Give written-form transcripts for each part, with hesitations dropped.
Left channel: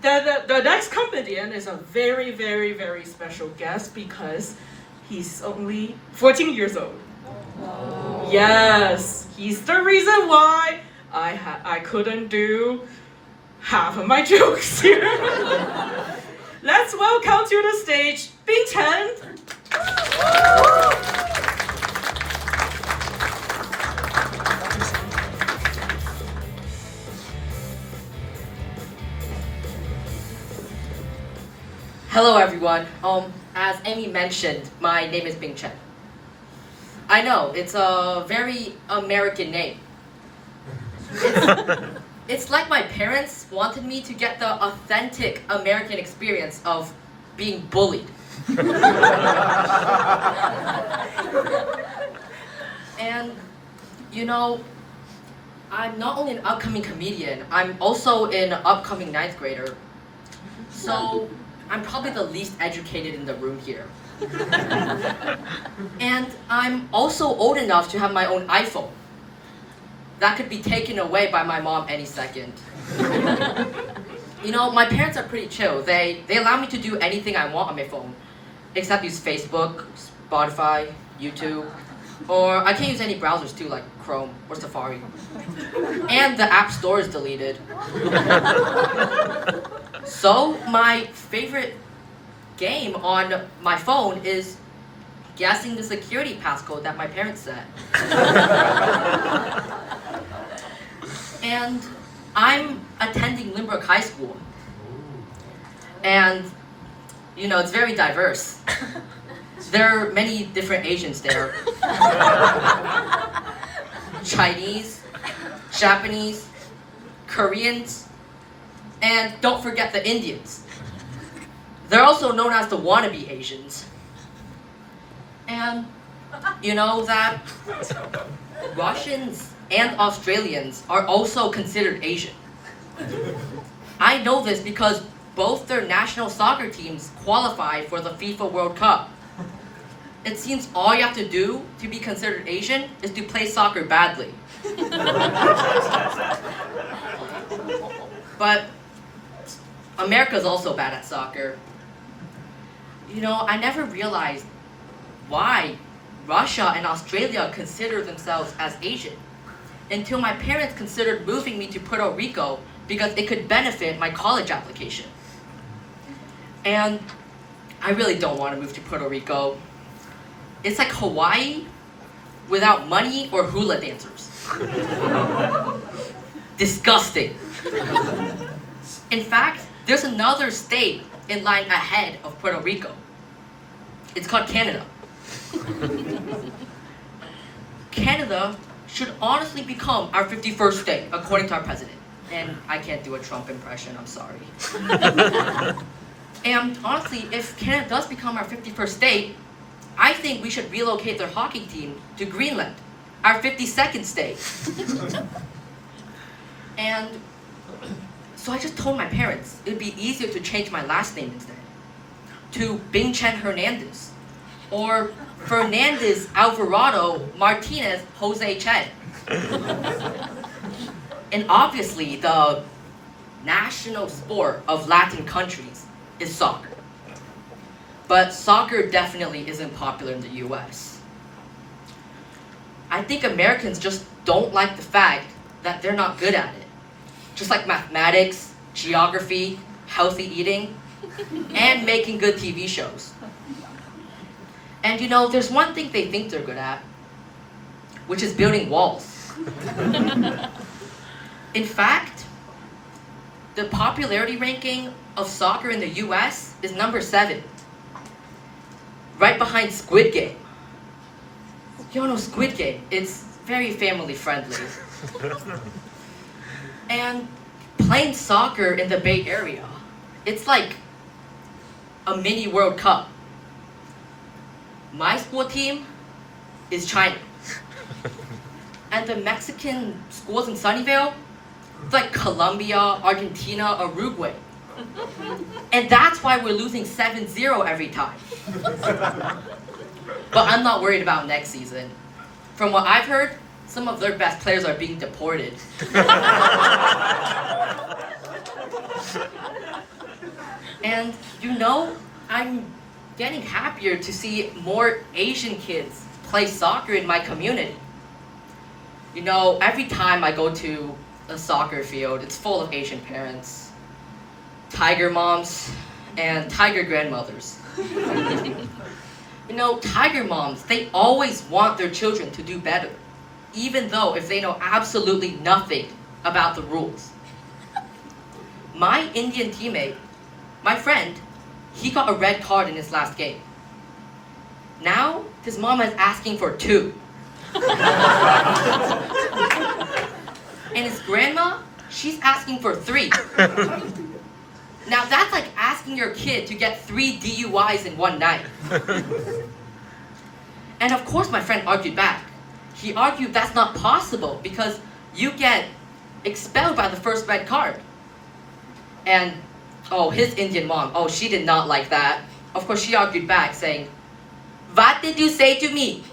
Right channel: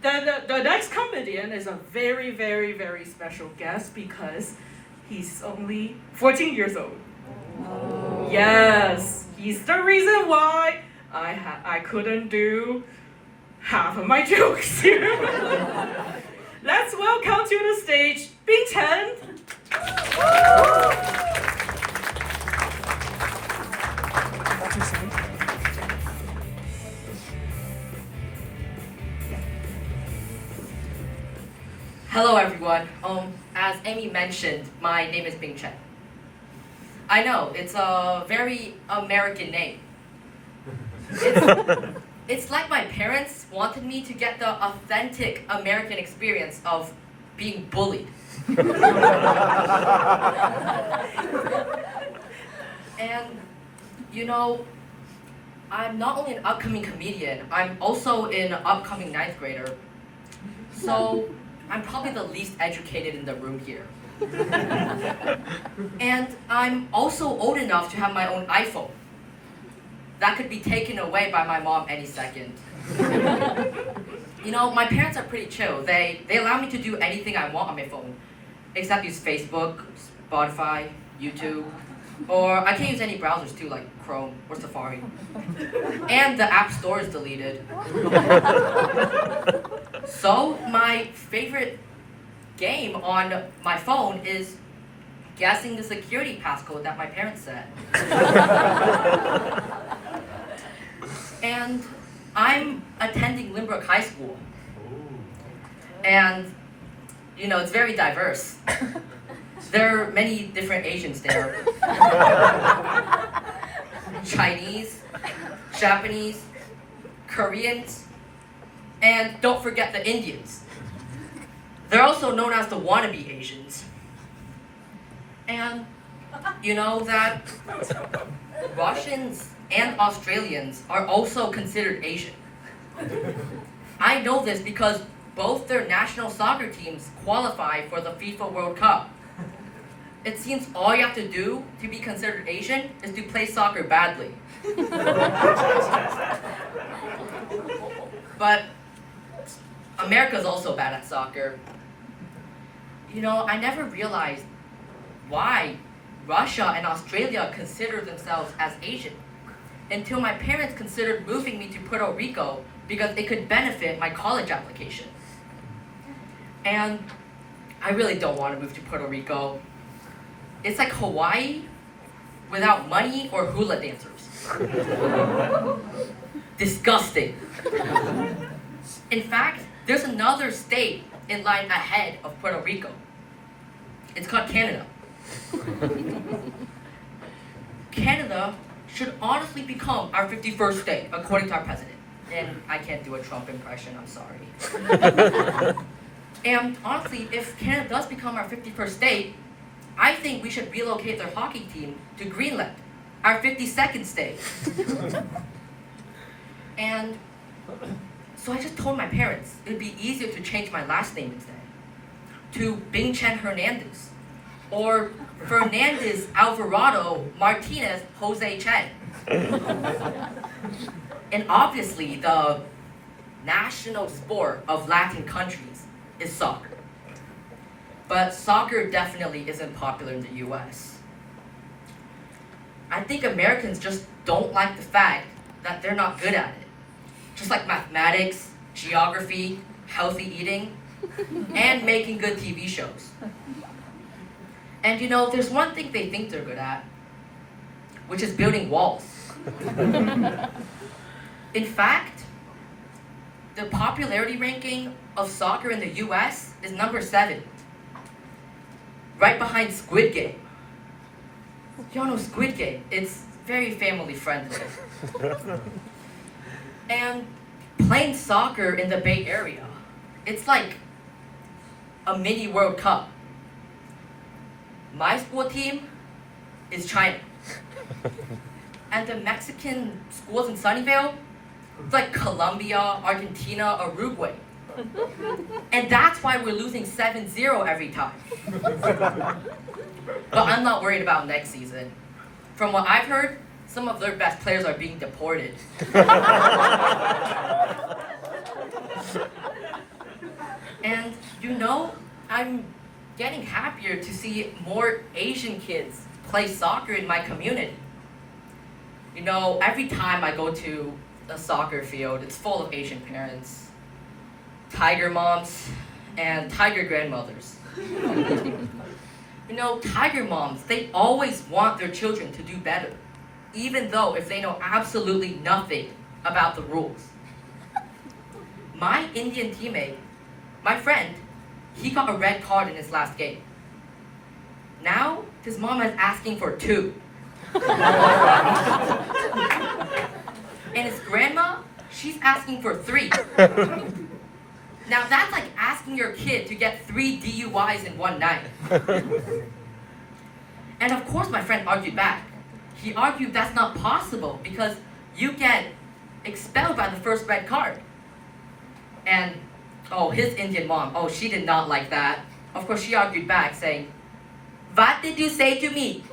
The next comedian is a very, very, very special guest because he's only 14 years old. Yes, he's the reason why I couldn't do half of my jokes here. Let's welcome to the stage Bing Chen. Hello everyone. As Amy mentioned, my name is Bing Chen. I know, it's a very American name. It's like my parents wanted me to get the authentic American experience of being bullied. And, you know, I'm not only an upcoming comedian, I'm also an upcoming ninth grader. So, I'm probably the least educated in the room here. And I'm also old enough to have my own iPhone. That could be taken away by my mom any second. You know, my parents are pretty chill. They allow me to do anything I want on my phone, except use Facebook, Spotify, YouTube, or I can't use any browsers too, like Chrome or Safari. And the App Store is deleted. So, my favorite game on my phone is guessing the security passcode that my parents set. And I'm attending Lynbrook High School. And, you know, it's very diverse. There are many different Asians there. Chinese, Japanese, Koreans, and don't forget the Indians. They're also known as the wannabe Asians. And you know that Russians and Australians are also considered Asian. I know this because both their national soccer teams qualify for the FIFA World Cup. It seems all you have to do to be considered Asian is to play soccer badly. But America's also bad at soccer. You know, I never realized why Russia and Australia consider themselves as Asian until my parents considered moving me to Puerto Rico because it could benefit my college application. And I really don't want to move to Puerto Rico. It's like Hawaii without money or hula dancers. Disgusting. In fact, there's another state in line ahead of Puerto Rico. It's called Canada. Canada should honestly become our 51st state, according to our president. And I can't do a Trump impression, I'm sorry. And honestly, if Canada does become our 51st state, I think we should relocate their hockey team to Greenland, our 52nd state. And so I just told my parents it would be easier to change my last name instead to Bing Chen Hernandez or Fernandez Alvarado Martinez Jose Chen. And obviously the national sport of Latin countries is soccer. But soccer definitely isn't popular in the US. I think Americans just don't like the fact that they're not good at it. Just like mathematics, geography, healthy eating, and making good TV shows. And you know, there's one thing they think they're good at, which is building walls. In fact, the popularity ranking of soccer in the US is number 7. Right behind Squid Game. You all know Squid Game, it's very family friendly. And playing soccer in the Bay Area, it's like a mini World Cup. My school team is China. And the Mexican schools in Sunnyvale, it's like Colombia, Argentina, or Uruguay. And that's why we're losing 7-0 every time. But I'm not worried about next season. From what I've heard, some of their best players are being deported. And I'm getting happier to see more Asian kids play soccer in my community. Every time I go to a soccer field, it's full of Asian parents, tiger moms, and tiger grandmothers. Tiger moms, they always want their children to do better, even though if they know absolutely nothing about the rules. My Indian teammate, my friend, he got a red card in his last game. Now, his mom is asking for 2. And his grandma, she's asking for 3. Now that's like asking your kid to get 3 DUIs in one night. And of course my friend argued back. He argued that's not possible because you get expelled by the first red card. And his Indian mom, she did not like that. Of course she argued back saying, "What did you say to me?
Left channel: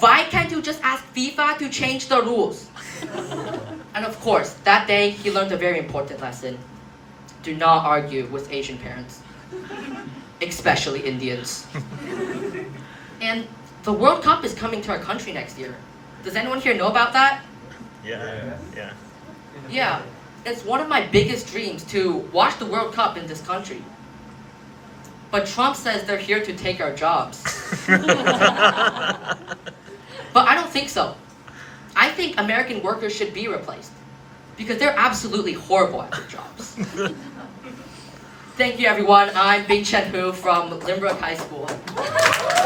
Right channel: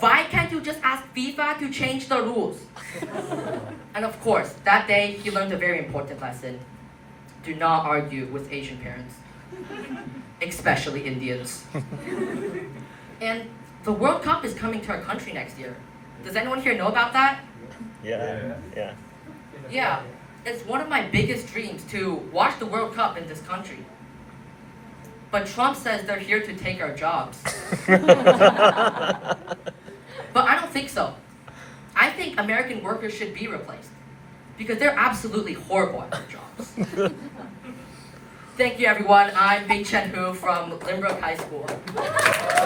Why can't you just ask FIFA to change the rules?" And of course, that day he learned a very important lesson. Do not argue with Asian parents, especially Indians. And the World Cup is coming to our country next year. Does anyone here know about that? Yeah. Yeah, it's one of my biggest dreams to watch the World Cup in this country. But Trump says they're here to take our jobs. But I don't think so. I think American workers should be replaced because they're absolutely horrible at their jobs. Thank you, everyone. I'm Bing Chen Hu from Limbrook High School.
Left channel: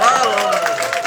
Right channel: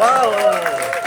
Whoa.